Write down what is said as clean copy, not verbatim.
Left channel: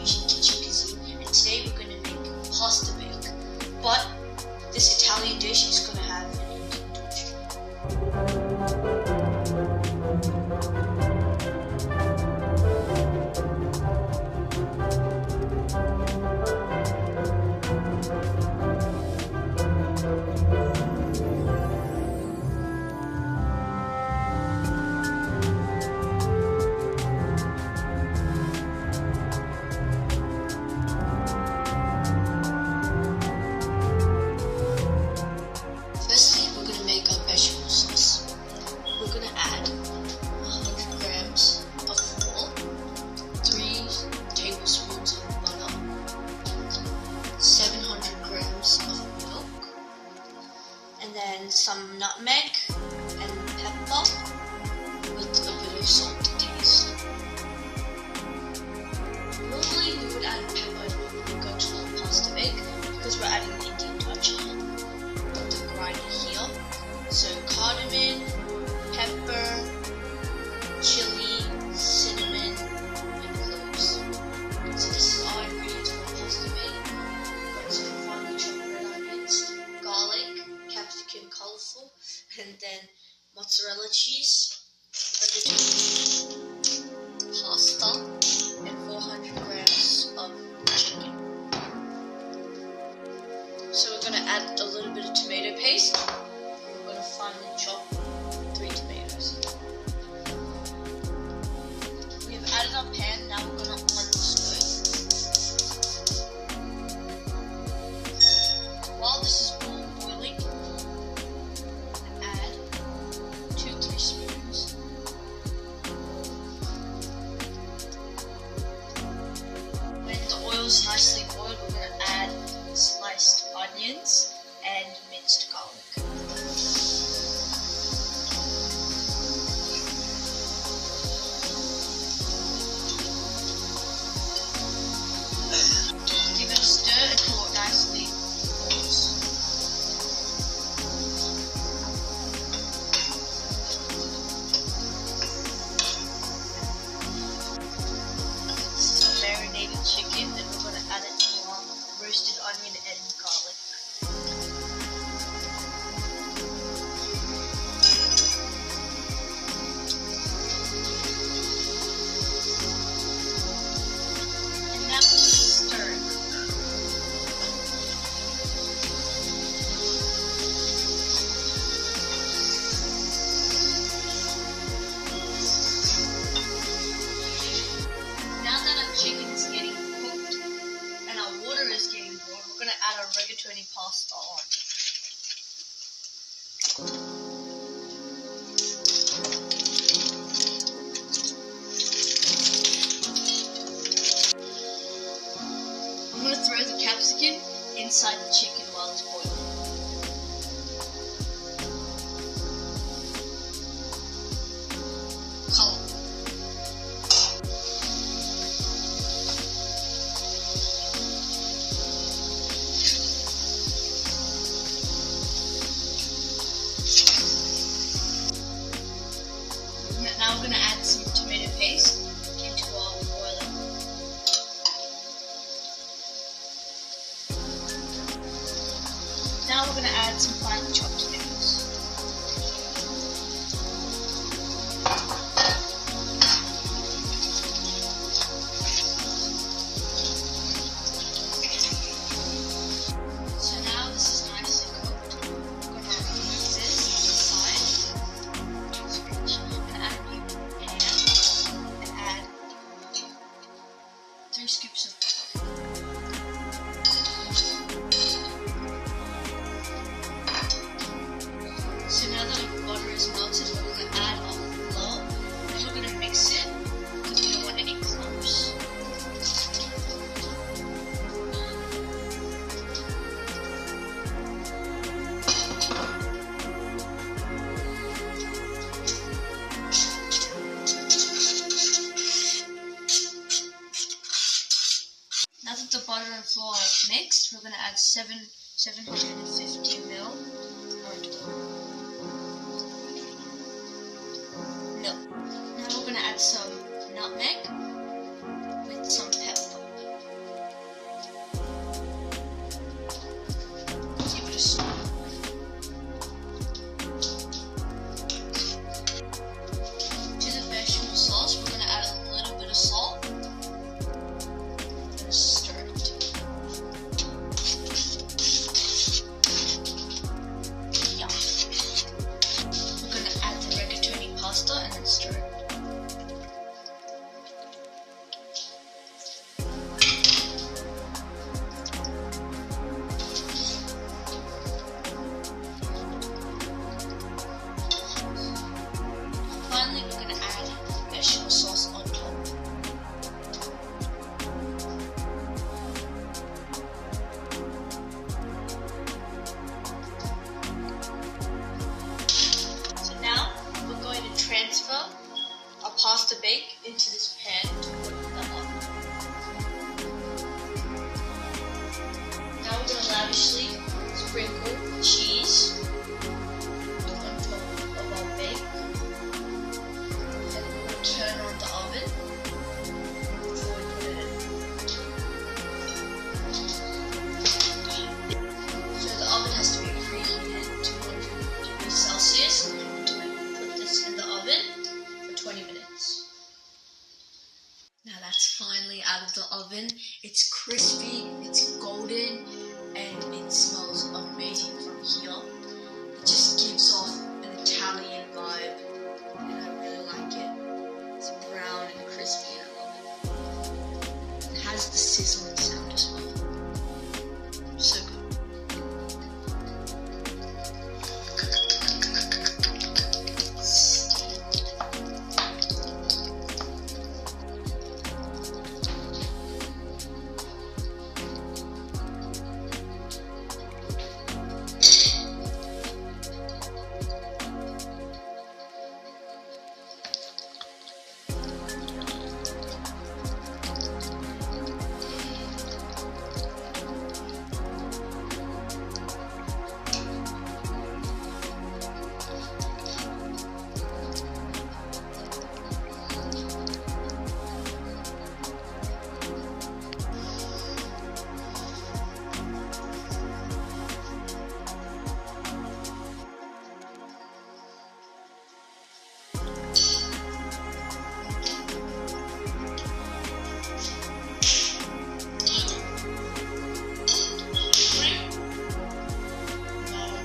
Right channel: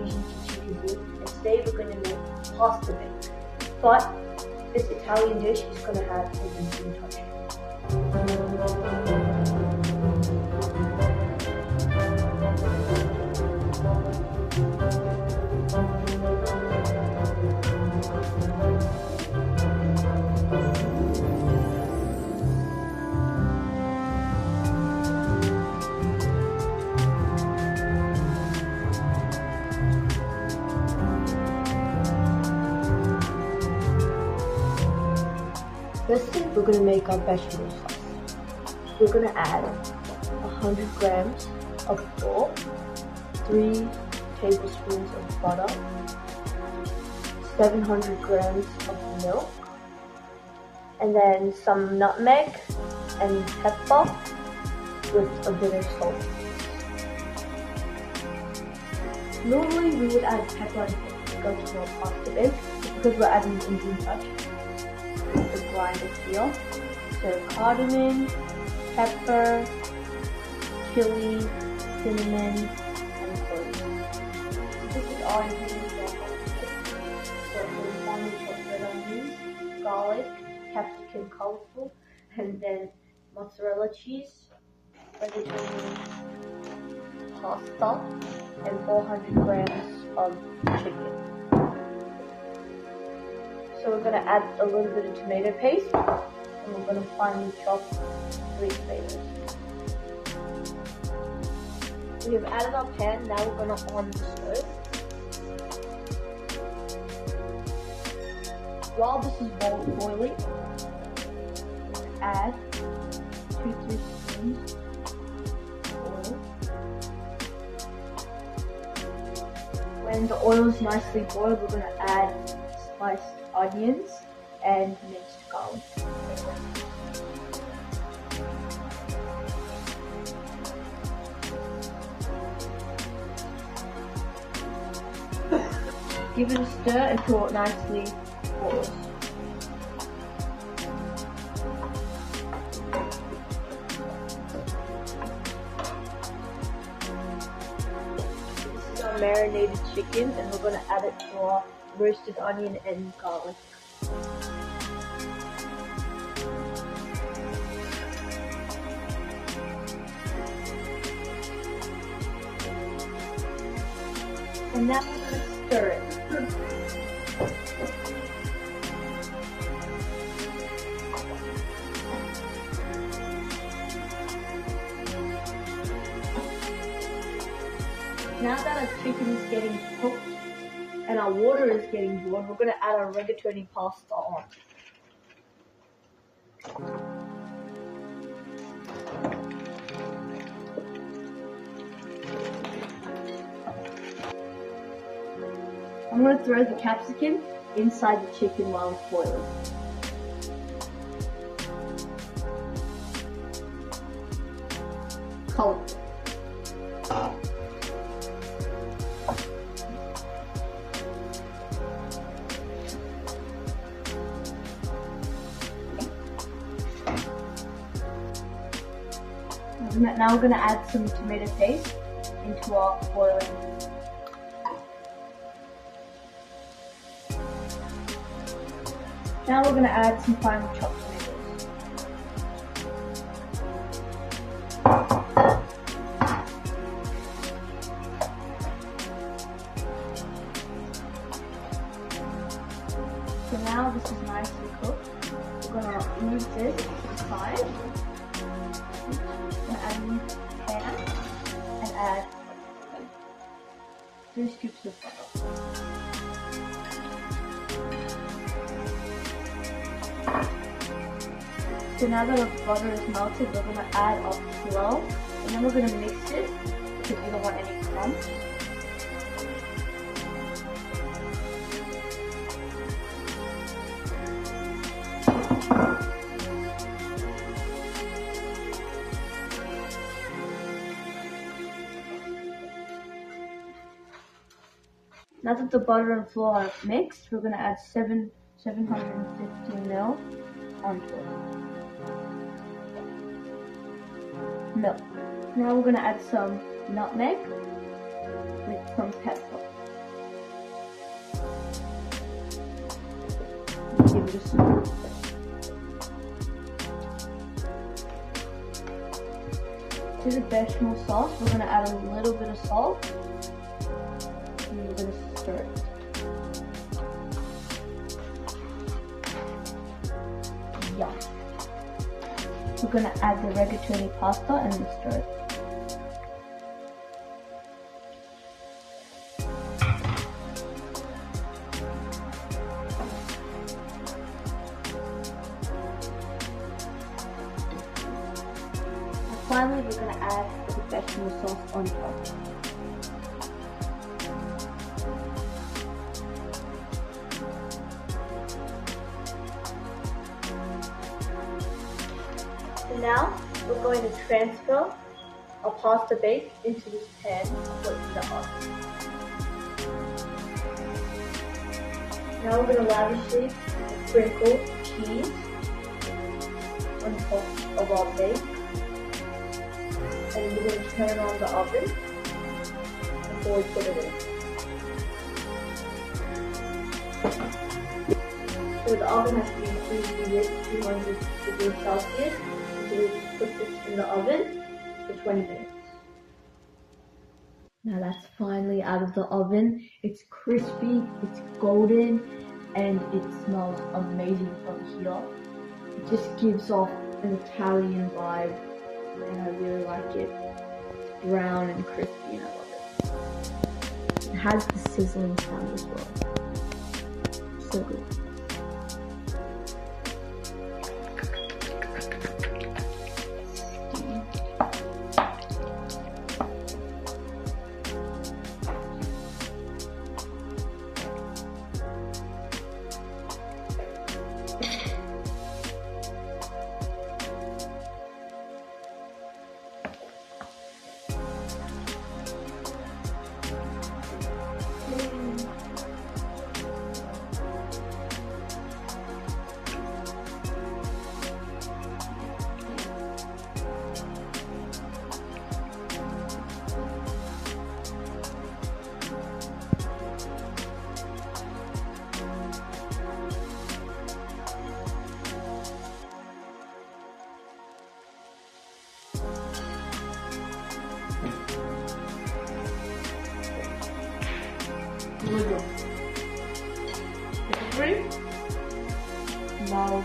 fusion kitchen cuisine, and today we're going to make pasta bake. But this Italian dish is going to have an Indian touch. Firstly, we're going to make our bechamel sauce. We're going to add 100 grams of flour, 3 tablespoons of butter, 700 grams of milk, and then some nutmeg and pepper with a bit of salt to taste. Normally we would add pepper and paprika to our pasta bake because we're adding an Indian touch. The grinder here, so cardamom, pepper, chili, cinnamon, and cloves. So this is our ingredients for our pasta bake. Got some finely chopped red onions, garlic, capsicum colourful, and then mozzarella cheese, vegetable pasta, and 400 grams of chicken. So we're going to add a little bit of tomato paste, and we're going to finely chop 3 tomatoes. We have added our pan, now we're going to on the stove. While this is boiling, add 2-3 spoons of oil. When the oil is nicely boiled, we're going to add sliced onions and minced garlic. Give it a stir until it nicely boils. This is our marinated chicken, and we're going to add it to our roasted onion and garlic. And now we're going to stir it. Now that our chicken is getting cooked and our water is getting boiled, we're going to add our rigatoni pasta on. I'm going to throw the capsicum inside the chicken while it's boiling. Color. Now we're going to add some tomato paste into our boiling. Now we're going to add some finely chopped tomatoes. So now this is nicely cooked. We're going to move this to the side. And add a new pan and add 3 scoops of butter. So now that our butter is melted, we're going to add our flour, and then we're going to mix it because we don't want any clumps. Now that the butter and flour are mixed, we're going to add 750 ml onto it. Milk. Now we're going to add some nutmeg with some pepper. give it a stir. To the bechamel sauce, we're going to add a little bit of salt, and we're going to stir it. Yum. We're going to add the rigatoni pasta and then stir it. Finally, we're going to add the bechamel sauce on top. So now, we're going to transfer our pasta bake into this pan to put in the oven. Now we're going to lavishly sprinkle cheese on top of our bake. And we're going to turn on the oven before we put it in. So the oven has to be preheated 200 degrees Celsius until we put this in the oven for 20 minutes. Now that's finally out of the oven. It's crispy, it's golden, and it smells amazing from here. It just gives off an Italian vibe, and I really like it. It's brown and crispy and I love it. It has the sizzling sound as well. So good. Steam. Now